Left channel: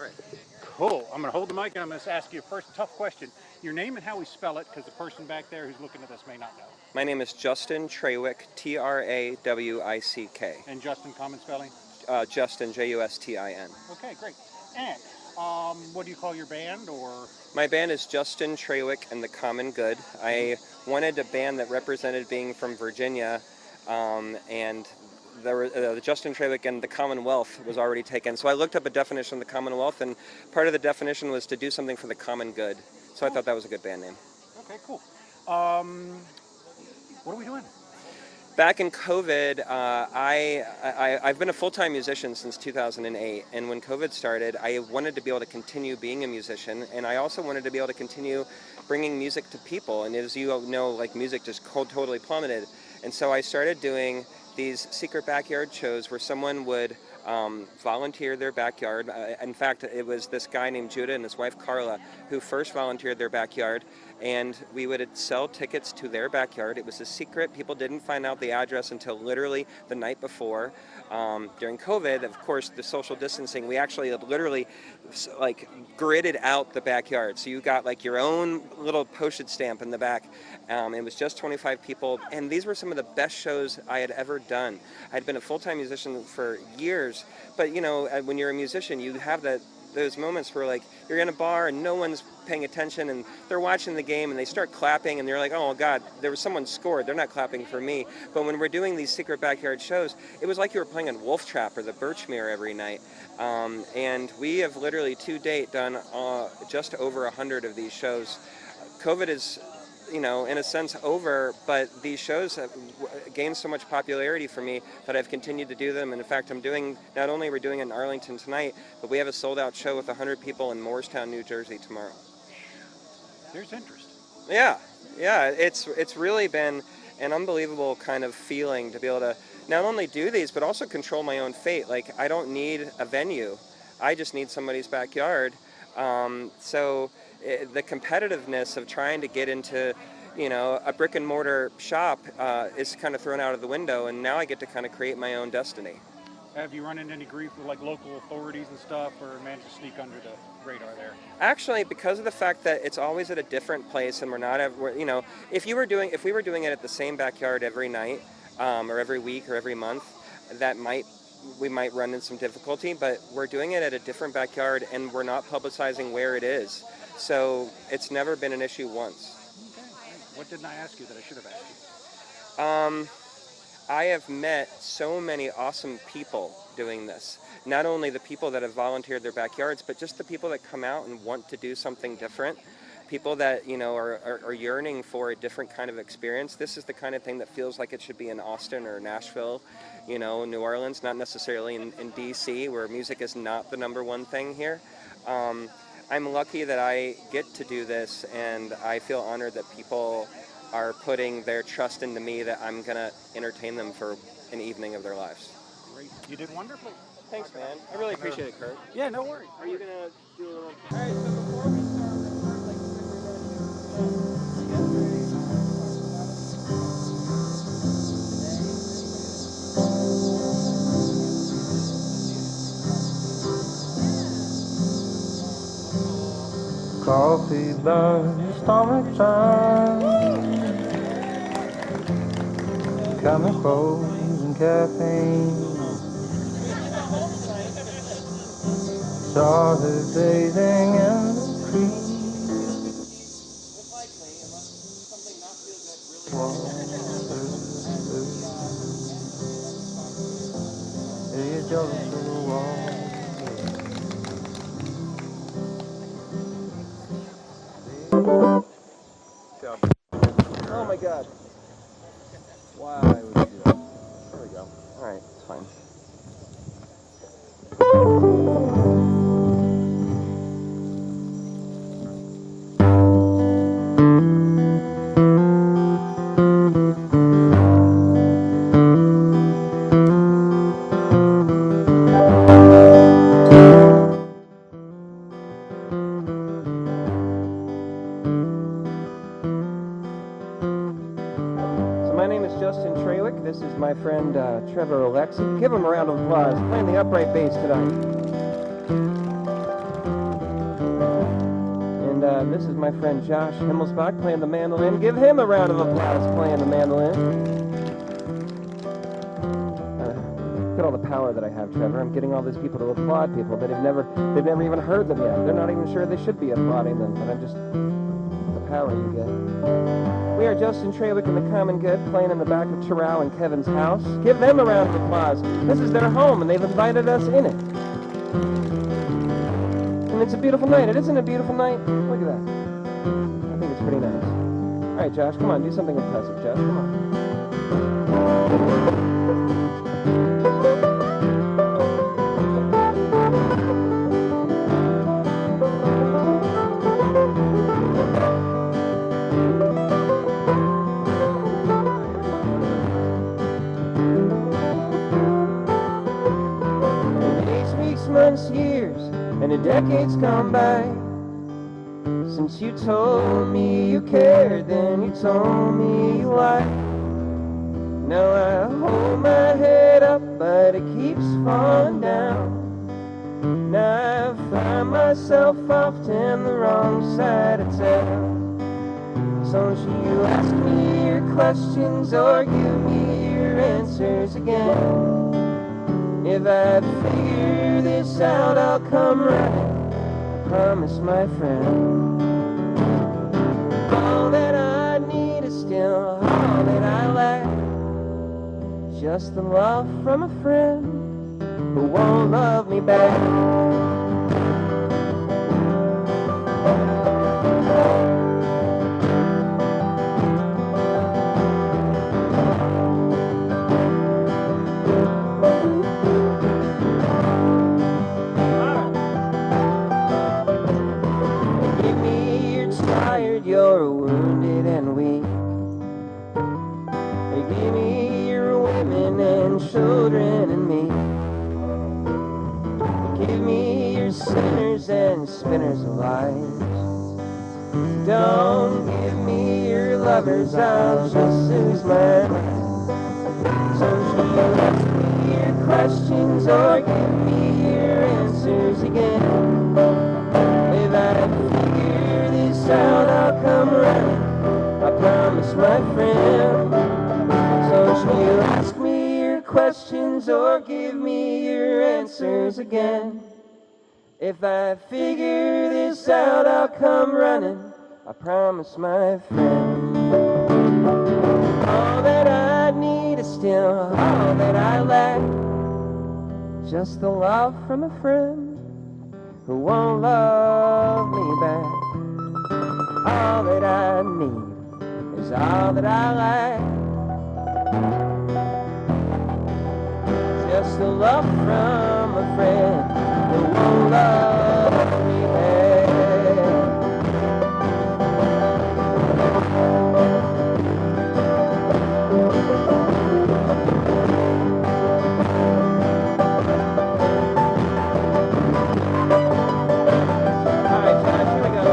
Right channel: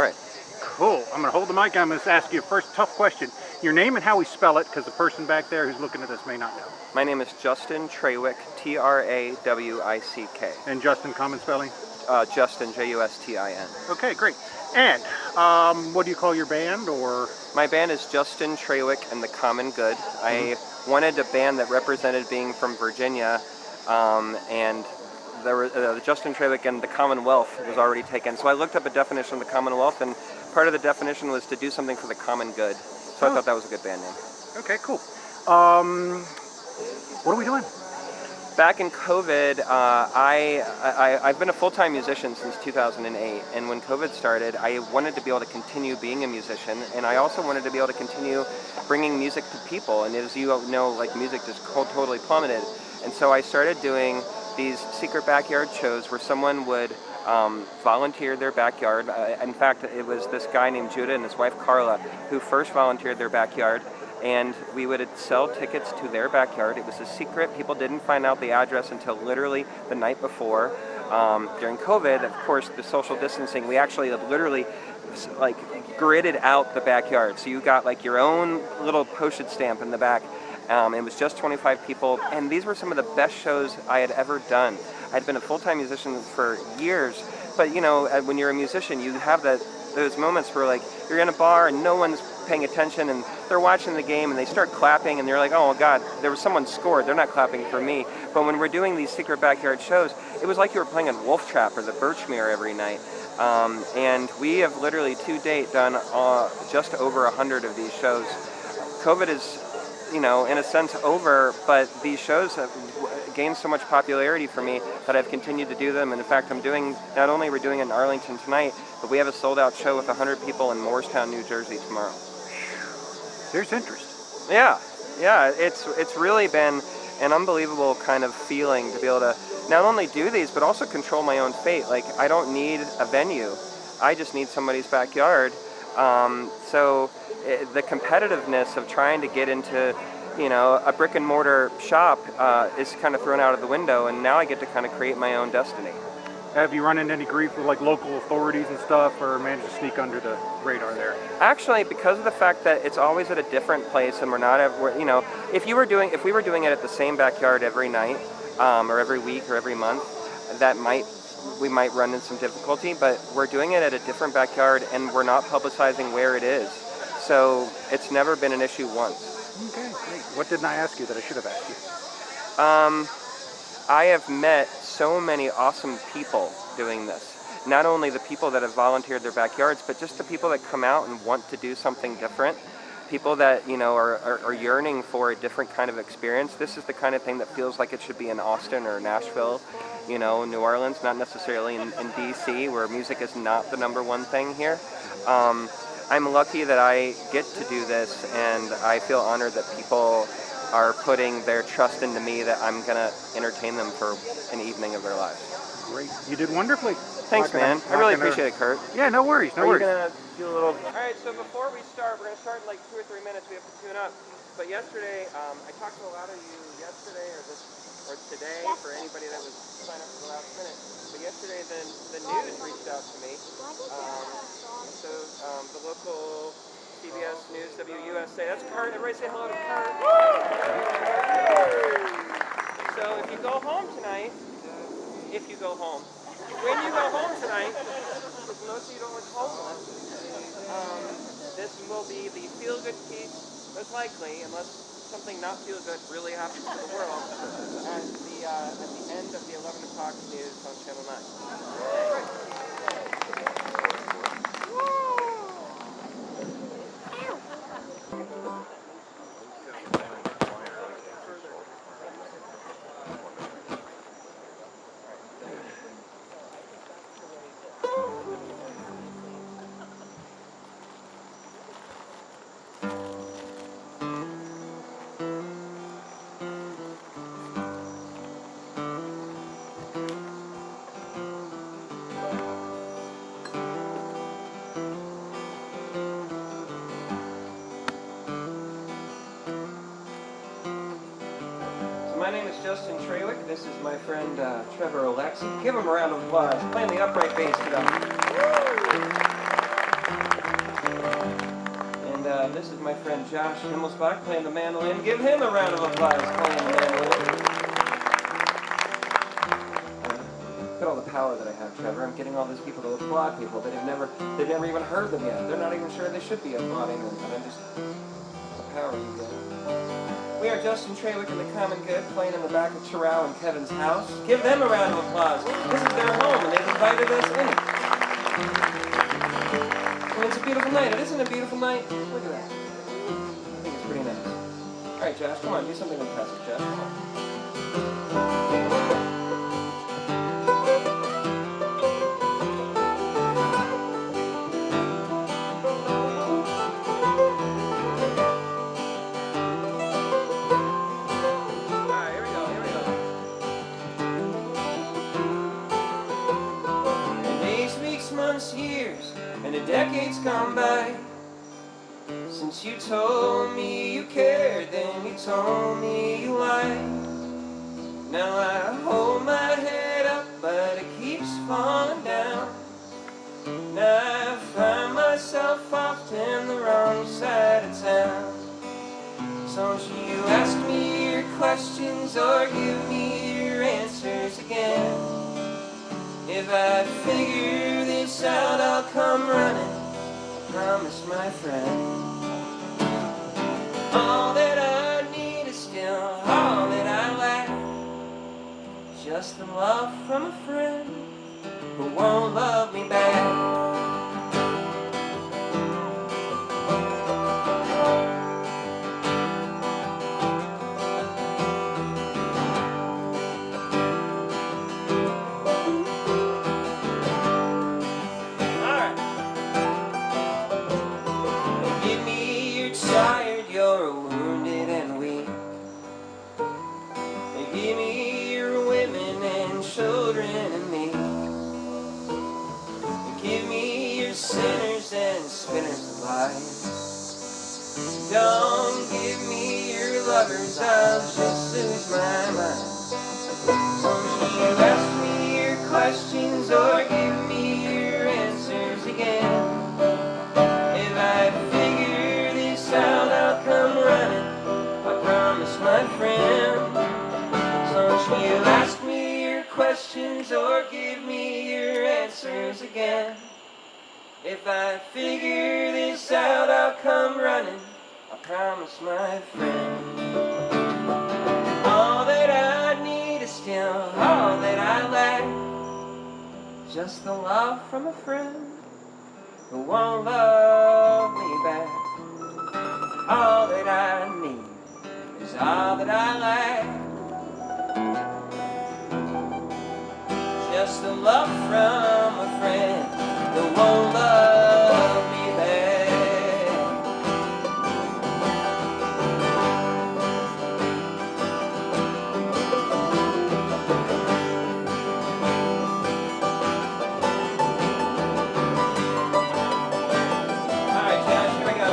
All right. Cool. I'm going to hold the mic. I'm going to ask you a first tough question. Your name and how we spell it, because the person back there who's looking at us may not know. My name is Justin Trawick, Trawick. And Justin, common spelling? Justin, Justin. Okay, great. And what do you call your band? Or My band is Justin Trawick and the Common Good. I wanted a band that represented being from Virginia, and the Justin Trawick and the Commonwealth was already taken. So I looked up a definition of the Commonwealth, and part of the definition was to do something for the common good. So I thought that was a good band name. Okay, cool. What are we doing? Back in COVID, I've been a full-time musician since 2008, and when COVID started, I wanted to be able to continue being a musician, and I also wanted to be able to continue bringing music to people. And as you know, like, music just totally plummeted, and so I started doing these secret backyard shows where someone would volunteer their backyard. In fact, it was this guy named Judah and his wife Carla who first volunteered their backyard, and we would sell tickets to their backyard. It was a secret. People didn't find out the address until literally the night before. During COVID, of course, the social distancing, we actually literally like gridded out the backyard. So you got like your own little postage stamp in the back. It was just 25 people, and these were some of the best shows I had ever done. I'd been a full-time musician for years, but you know, when you're a musician, you have those moments where like you're in a bar and no one's paying attention, and they're watching the game and they start clapping, and you're like, oh God, there was someone scored, they're not clapping for me. But when we're doing these secret backyard shows, it was like you were playing in Wolf Trap or the Birchmere every night. And we have literally to date done just over 100 of these shows. COVID is, you know, in a sense over, but these shows have gained so much popularity for me that I've continued to do them. And in fact, not only we're doing it in Arlington tonight, but we have a sold-out show with 100 people in Morristown, New Jersey tomorrow. There's interest. Yeah, it's really been an unbelievable kind of feeling to be able to not only do these, but also control my own fate. Like, I don't need a venue. I just need somebody's backyard. So the competitiveness of trying to get into, you know, a brick and mortar shop is kind of thrown out of the window, and now I get to kind of create my own destiny. Have you run into any grief with like local authorities and stuff, or managed to sneak under the radar there? Actually, because of the fact that it's always at a different place, and we're not at, you know, if we were doing it at the same backyard every night, or every week or every month, we might run into some difficulty. But we're doing it at a different backyard, and we're not publicizing where it is, so it's never been an issue once. Okay, great. What didn't I ask you that I should have asked you? I have met so many awesome people doing this. Not only the people that have volunteered their backyards, but just the people that come out and want to do something different. People that, you know, are yearning for a different kind of experience. This is the kind of thing that feels like it should be in Austin or Nashville, you know, New Orleans, not necessarily in DC, where music is not the #1 thing here. I'm lucky that I get to do this, and I feel honored that people are putting their trust into me that I'm going to entertain them for an evening of their lives. Great. You did wonderfully. Thanks, man. I really appreciate it, Kurt. Yeah, no worries. No worries. Are you going to do a little... All right, so before we start, we're going to start in like 2 or 3 minutes. We have to tune up. But yesterday, I talked to a lot of people yesterday, or today, for anybody that was yesterday, the news reached out to me. The local... Coffee done, summertime. Got my phone and caffeine. If you go home. When you go home tonight, Stars dazing in this will be the feel-good piece, most likely, unless something not feel-good really happens in the world, at the end of the 11 o'clock news on Channel 9. Oh my God. Wow. There we go. Alright, fine. My friend Trevor Alexi. Give him a round of applause. Playing the upright bass tonight. friend Josh Himmelsbach playing the mandolin. Give him a round of applause playing the mandolin. Look at all the power that I have, Trevor. I'm getting all these people to applaud people that have never even heard them yet. They're not even sure they should be applauding them, but the power you get. We are Justin Trawick and the Common Good playing in the back of Terrell and Kevin's house. Give them a round of applause. This is their home, and they've invited us in it. And it's a beautiful night. Isn't it a beautiful night? Look at that. I think it's pretty nice. All right, Josh, come on. Do something impressive, Josh. Come on. Months, years, and the decades gone by since you told me you cared, then you told me why. Now I hold my head up, but it keeps falling down. Now I find myself often the wrong side of town. So don't you ask me your questions or give me your answers again. If I figure this out, I'll come running, promise my friend. All that I need is still all that I lack. Just the love from a friend who won't love me back. You're wounded and weak. Give me your women and children and me. Give me your sinners and spinners of lies. Don't give me your lovers, I'll just lose my mind. Don't you ask me your questions or give me your answers again. If I figure this out, I'll come running, I promise my friend. Don't you ask me your questions or give me your answers again. If I figure this out, I'll come running, I promise my friend. All that I need is still all that I lack. Just the love from a friend who won't love me back. All that I need is all that I lack. Just the love from a friend who won't love me back. All right, Josh, here we go.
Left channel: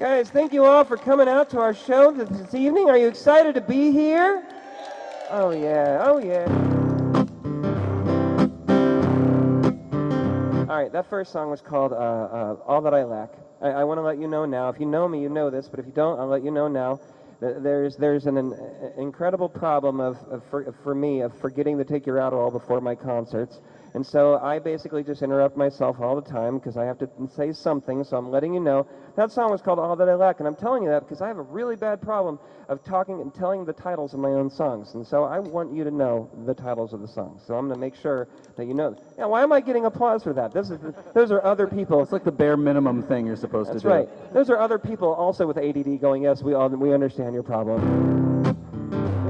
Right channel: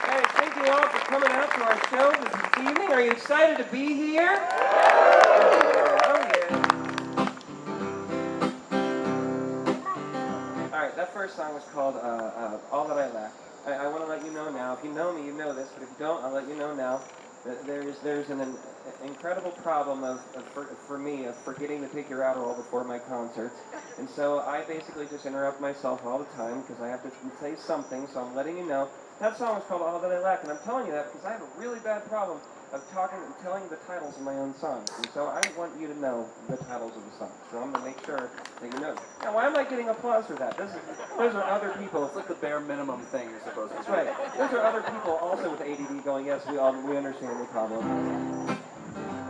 Guys, thank you all for coming out to our show this evening. Are you excited to be here? Oh yeah, oh yeah. Alright, that first song was called All That I Lack. I want to let you know now, if you know me, you know this, but if you don't, I'll let you know now. There's an incredible problem for me of forgetting to take your Adderall before my concerts. And so I basically just interrupt myself all the time because I have to say something, so I'm letting you know. That song was called All That I Lack, and I'm telling you that because I have a really bad problem of talking and telling the titles of my own songs. And so I want you to know the titles of the songs. So I'm going to make sure that you know. Now, why am I getting applause for that? Those are other people. It's like the bare minimum thing you're supposed to do. That's right. Those are other people also with ADD going, yes, we understand your problem.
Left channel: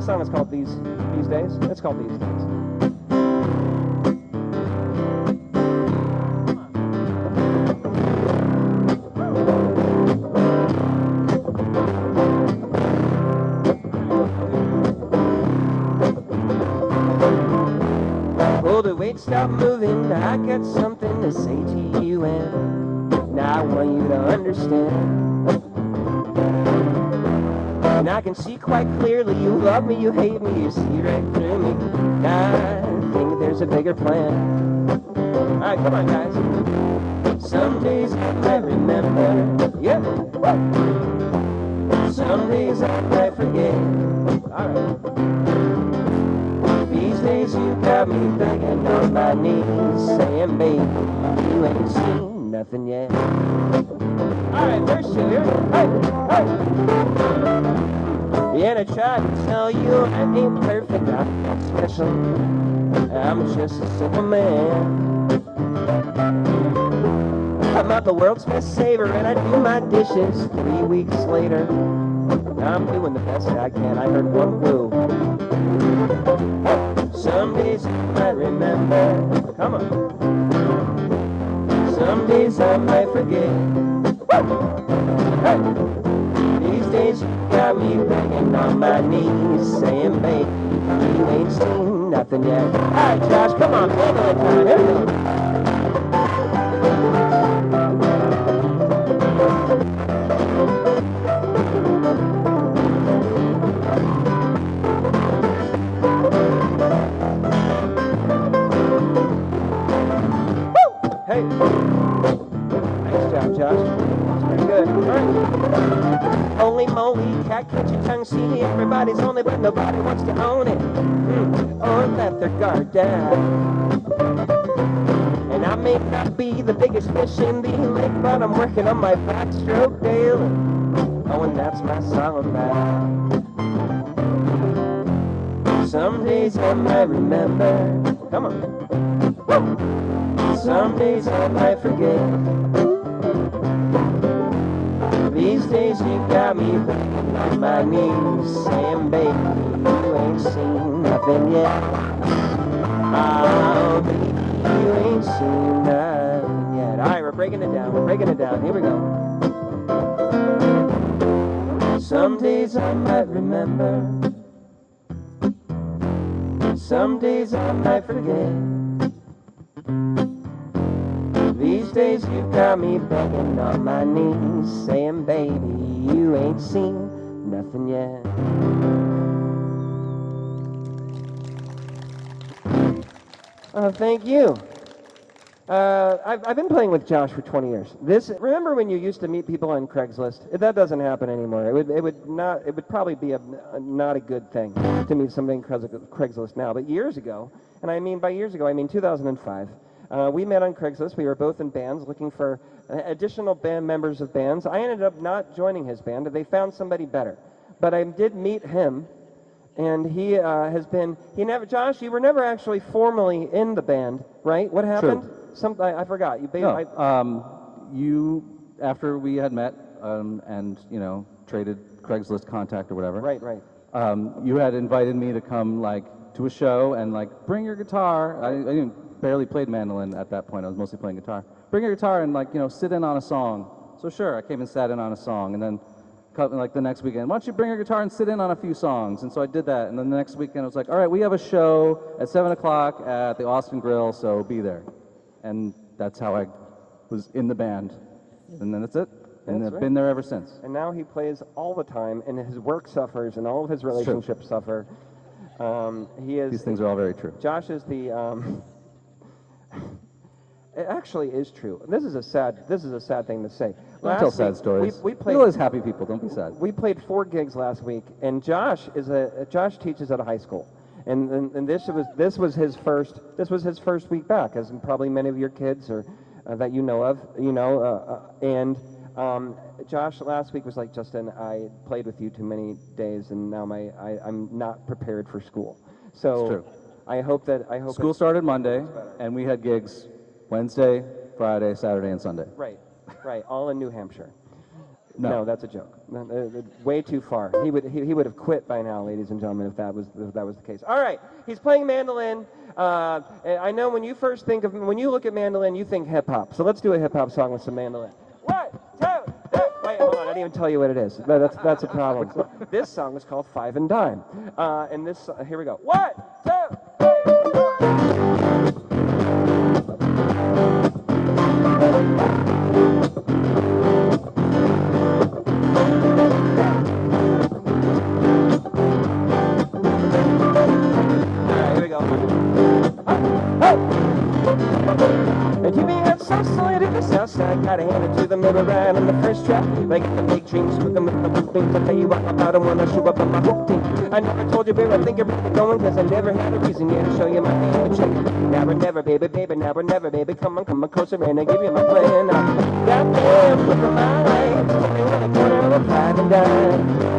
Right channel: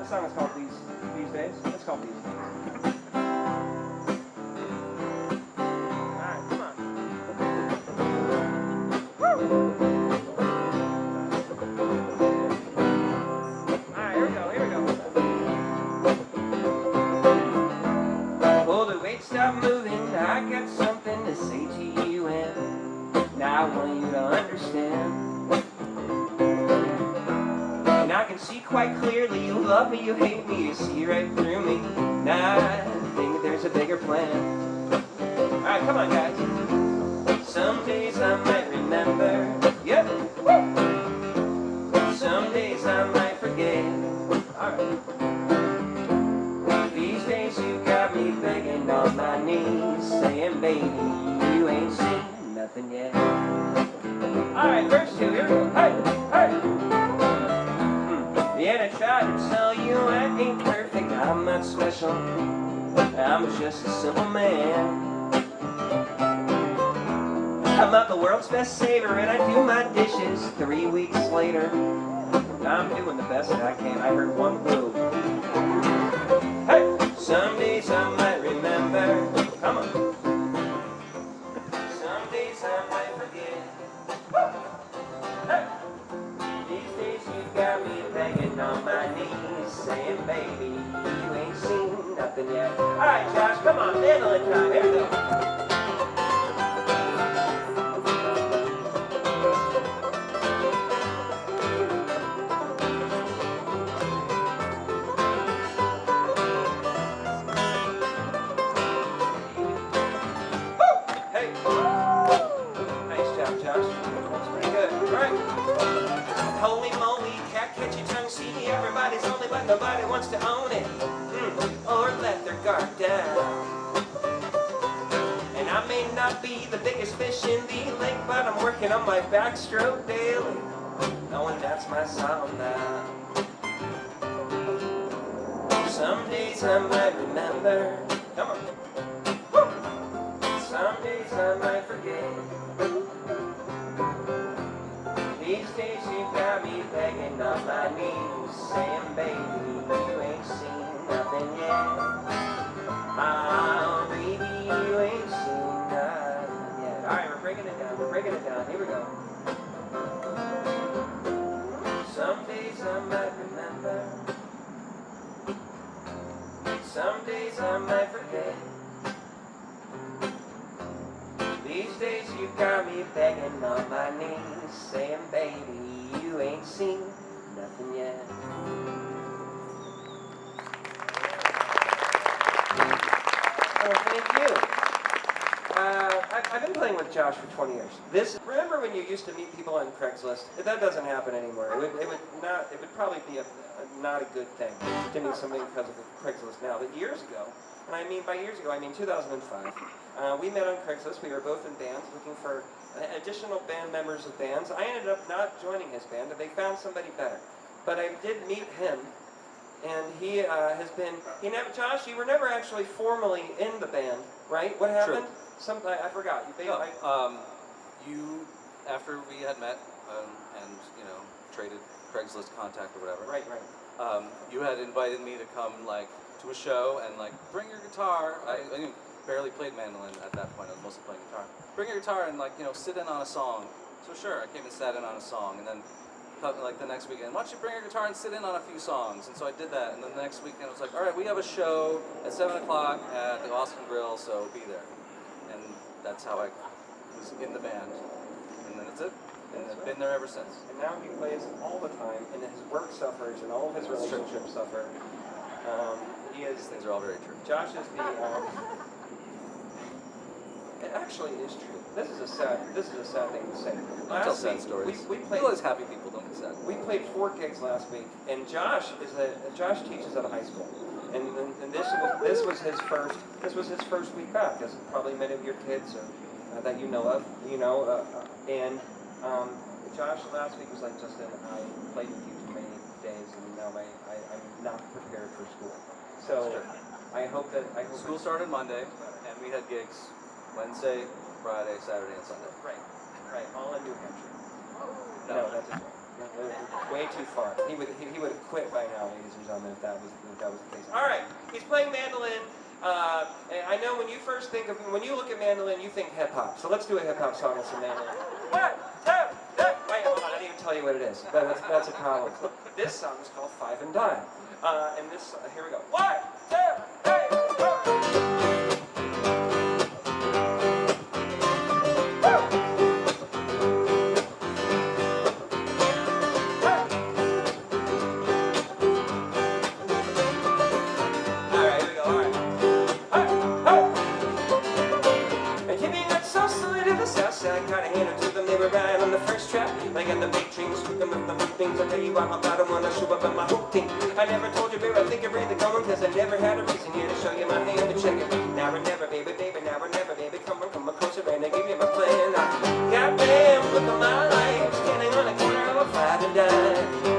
The song is called These Days. It's called These Days. Well, the weight stopped moving. I got something to say to you, and now I want you to understand. And I can see quite clearly you love me, you hate me, you see right through me. Now I think there's a bigger plan. Alright, come on, guys. Some days I might remember. Yep. Some days I might forget. Alright. These days you got me begging on my knees, saying, baby, you ain't seen nothing yet. Alright, where's she? Yeah, I tried to tell you I ain't perfect, I'm not special. I'm just a simple man. I'm not the world's best saver, and I do my dishes 3 weeks later. I'm doing the best I can. I heard one woo. Hey, some days I might remember. Come on. Some days I might forget. Hey, these days you got me begging on my knees, saying, baby, you ain't seen nothing yet. All right, Josh, come on, handle it now. There we go. Hey. Nice job, Josh. Pretty good. All right. Holy moly, catfish, you don't see. Everybody's only, but nobody wants to own it. Or let their guard down. And I may not be the biggest fish in the lake, but I'm working on my backstroke daily. Oh, and that's my song now. Some days I might remember. Come on. Woo! Some days I might forget. These days you got me begging on my knees, saying, baby, you ain't seen nothing yet. Oh, baby, you ain't seen nothing yet. All right, we're breaking it down. We're breaking it down. Here we go. Some days I might remember. Some days I might forget. These days you got me begging on my knees, saying, baby, you ain't seen nothing yet. Oh, thank you. I've been playing with Josh for 20 years. Remember when you used to meet people on Craigslist? That doesn't happen anymore. It would probably be not a good thing to meet somebody because of Craigslist now. But years ago, and I mean by years ago, I mean 2005. We met on Craigslist. We were both in bands looking for additional band members of bands. I ended up not joining his band, but they found somebody better. But I did meet him, and he has been. Josh, you were never actually formally in the band, right? What happened? Sure. I forgot. You, after we had met and traded Craigslist contact or whatever. Right. You had invited me to come to a show and bring your guitar. I barely played mandolin at that point. I was mostly playing guitar. Bring your guitar and sit in on a song. So sure, I came and sat in on a song, and then the next weekend, why don't you bring your guitar and sit in on a few songs? And so I did that, and then the next weekend I was like, all right, we have a show at 7 o'clock at the Austin Grill, so be there. And that's how I was in the band. And then that's it. And I've been there ever since. And now he plays all the time, and his work suffers, and all of his relationships suffer. These things are all very true. Josh is the. It actually is true. This is a sad thing to say. Don't tell sad stories. We played. Feel as happy people. Don't be sad. We played 4 gigs last week, and Josh teaches at a high school, and this was his first week back, as probably many of your kids or that you know of, and Josh last week was like, Justin, I played with you too many days, and now I'm not prepared for school. So sure. I hope School started Monday, and we had gigs Wednesday, Friday, Saturday, and Sunday. Right, all in New Hampshire. No, that's a joke. Way too far. He would have quit by now, ladies and gentlemen, if that was the case. All right, he's playing mandolin. And I know when you first think of when you look at mandolin, you think hip hop. So let's do a hip hop song with some mandolin. Wait, hold on, I didn't tell you what it is. That's a problem. This song is called Five and Dime. And this here we go. 1, 2, 3. I don't wanna show up on my hook tape. I never told you, baby, I think you're pretty going, cause I never had a reason here to show you my handshake. Now or never, baby, now or never, baby, come on closer, and I give you my plan. Goddamn, look at my life, standing on the corner of 5 and dime.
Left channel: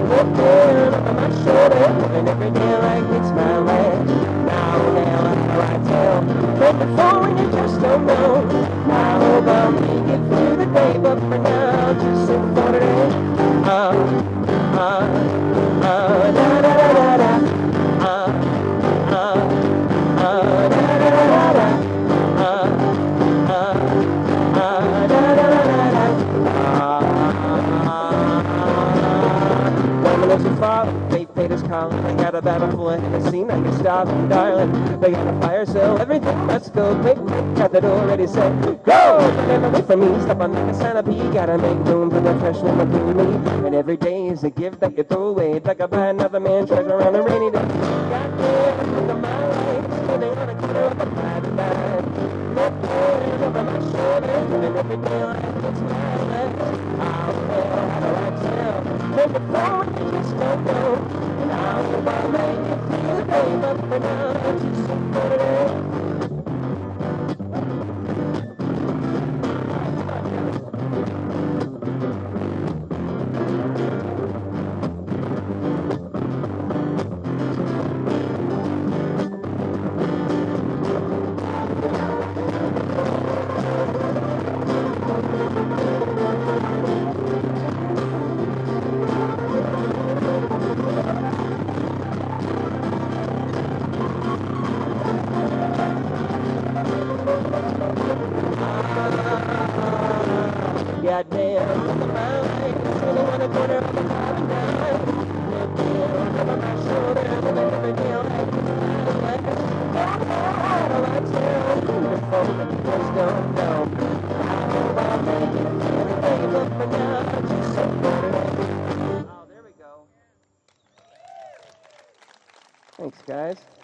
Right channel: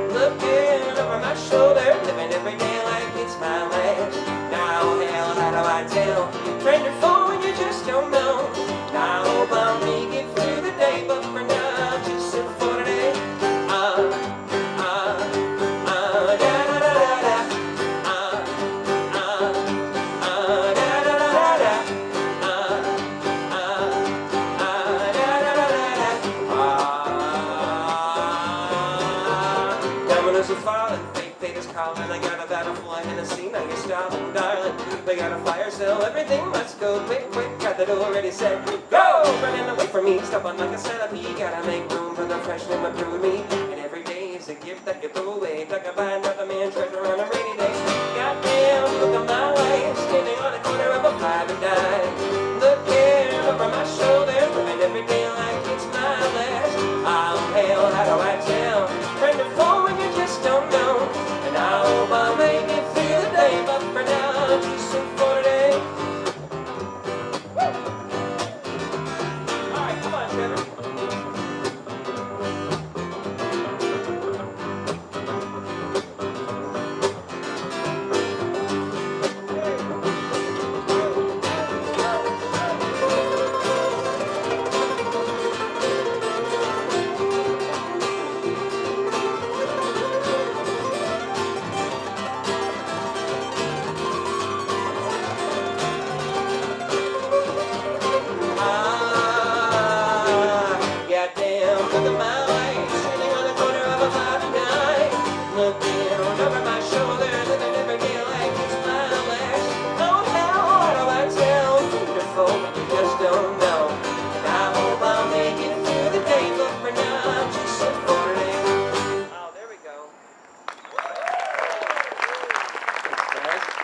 Looking over my shoulder, living every day like it's my life. Now, hell, how do I tell? Turn the phone, you just don't know. Now, I hope I'm making it through the day, but for now, just sit for it. I got a battle full of Tennessee, now you stop and darling. They got a fire sale, everything must go quick, got the door ready, set, go! Wait for me, someone like a centipede, gotta make room for the fresh one up in me. And every day is a gift that you throw away, like a blind other man treasure on a rainy day. Goddamn, look at my way, standing on the corner of a 5 and dime. Looking over my shoulder, doing every day like it's my last. Oh, hell, how do I tell? Turn the phone, you just don't know. I hope I'll make it through the day, but for now I'll just support it. Alright, come on, Trevor. Thanks, guys.